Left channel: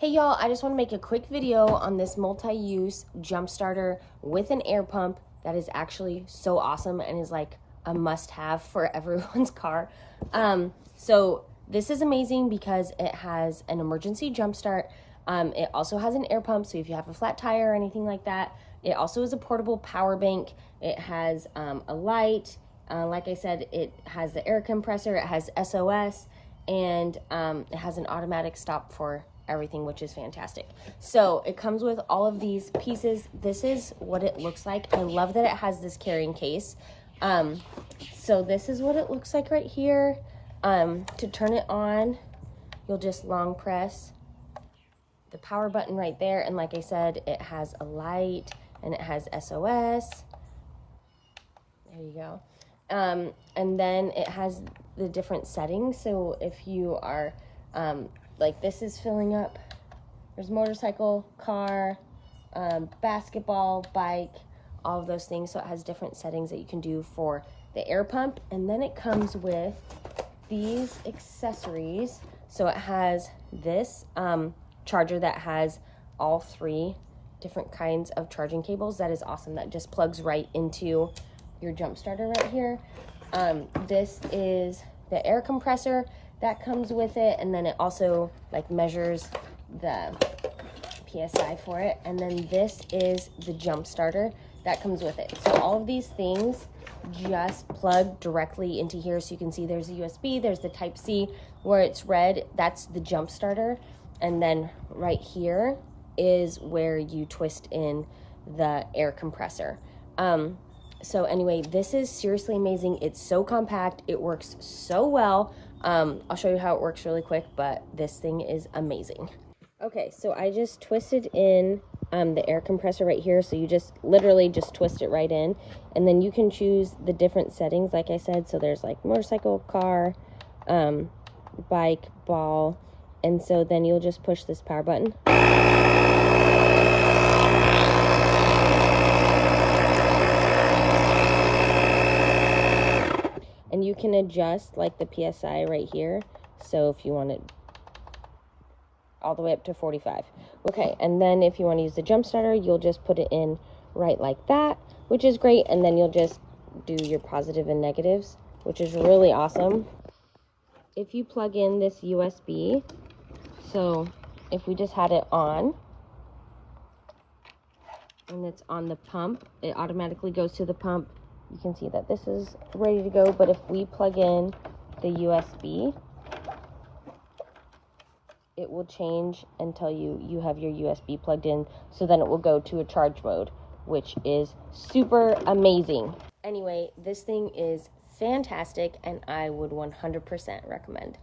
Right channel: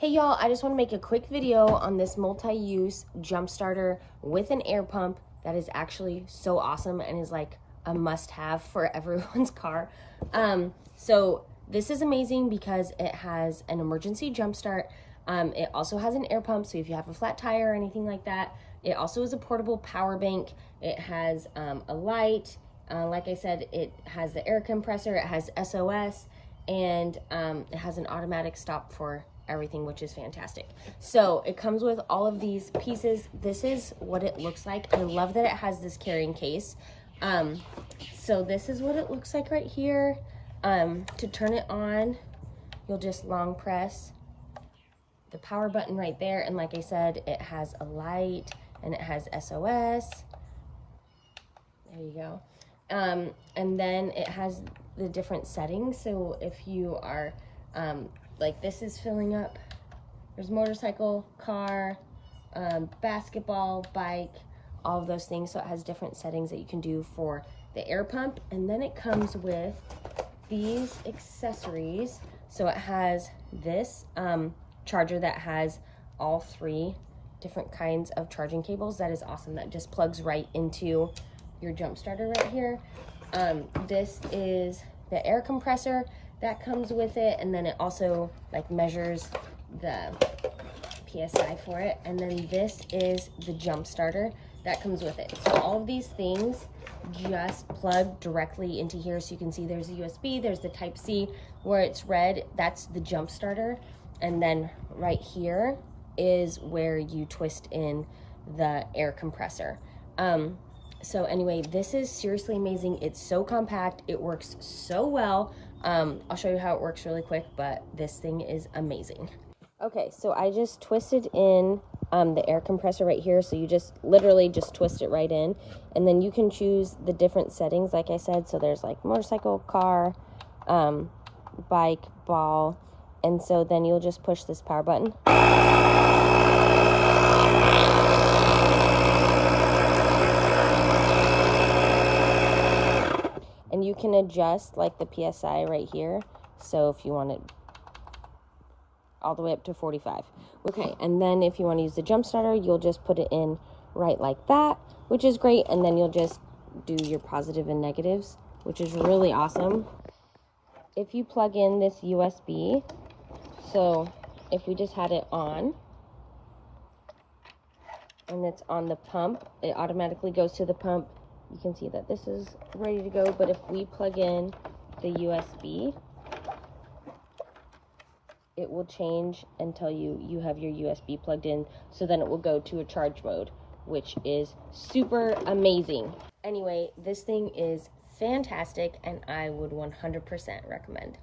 Hey y'all, I just want to make a quick video on this multi-use jump starter with an air pump that is actually so awesome and is like a must-have for everyone's car. So this is amazing because it has an emergency jump start. It also has an air pump, so if you have a flat tire or anything like that. It also is a portable power bank. It has a light. Like I said, it has the air compressor, it has SOS, and it has an automatic stop for everything, which is fantastic. So it comes with all of these pieces. This is what it looks like. I love that it has this carrying case. So this is what it looks like right here. To turn it on, you'll just long press the power button right there, and like I said, it has a light and it has SOS. There you go. And then it has the different settings. So if you are like this is filling up, there's motorcycle, car, basketball, bike, all of those things. So it has different settings that you can do for the air pump. And then it comes with these accessories. So it has this charger that has all three different kinds of charging cables. That is awesome. That just plugs right into your jump starter right here. This is the air compressor that comes with it, and then it also like measures the PSI for it. And then this is the jump starter that comes with it. So all of these things just plug directly into here. So you can see there's a USB, there's the type C. Where it's red, that's the jump starter. And then right here is where you twist in the air compressor. So anyway, this is seriously amazing. It's so compact, it works so well. I'll show you how it works really quick, but this thing is amazing. Okay, so I just twisted in the air compressor right here. So you just literally just twist it right in, and then you can choose the different settings, like I said. So there's like motorcycle, car, bike, ball, and so then you'll just push this power button. And you can adjust like the PSI right here. So if you want it all the way up to 45. Okay, and then if you want to use the jump starter, you'll just put it in right like that, which is great. And then you'll just do your positive and negatives, which is really awesome. If you plug in this USB, so if we just had it on, and it's on the pump, it automatically goes to the pump. You can see that this is ready to go, but if we plug in the USB, it will change and tell you you have your USB plugged in, so then it will go to a charge mode, which is super amazing. Anyway, this thing is fantastic and I would 100% recommend.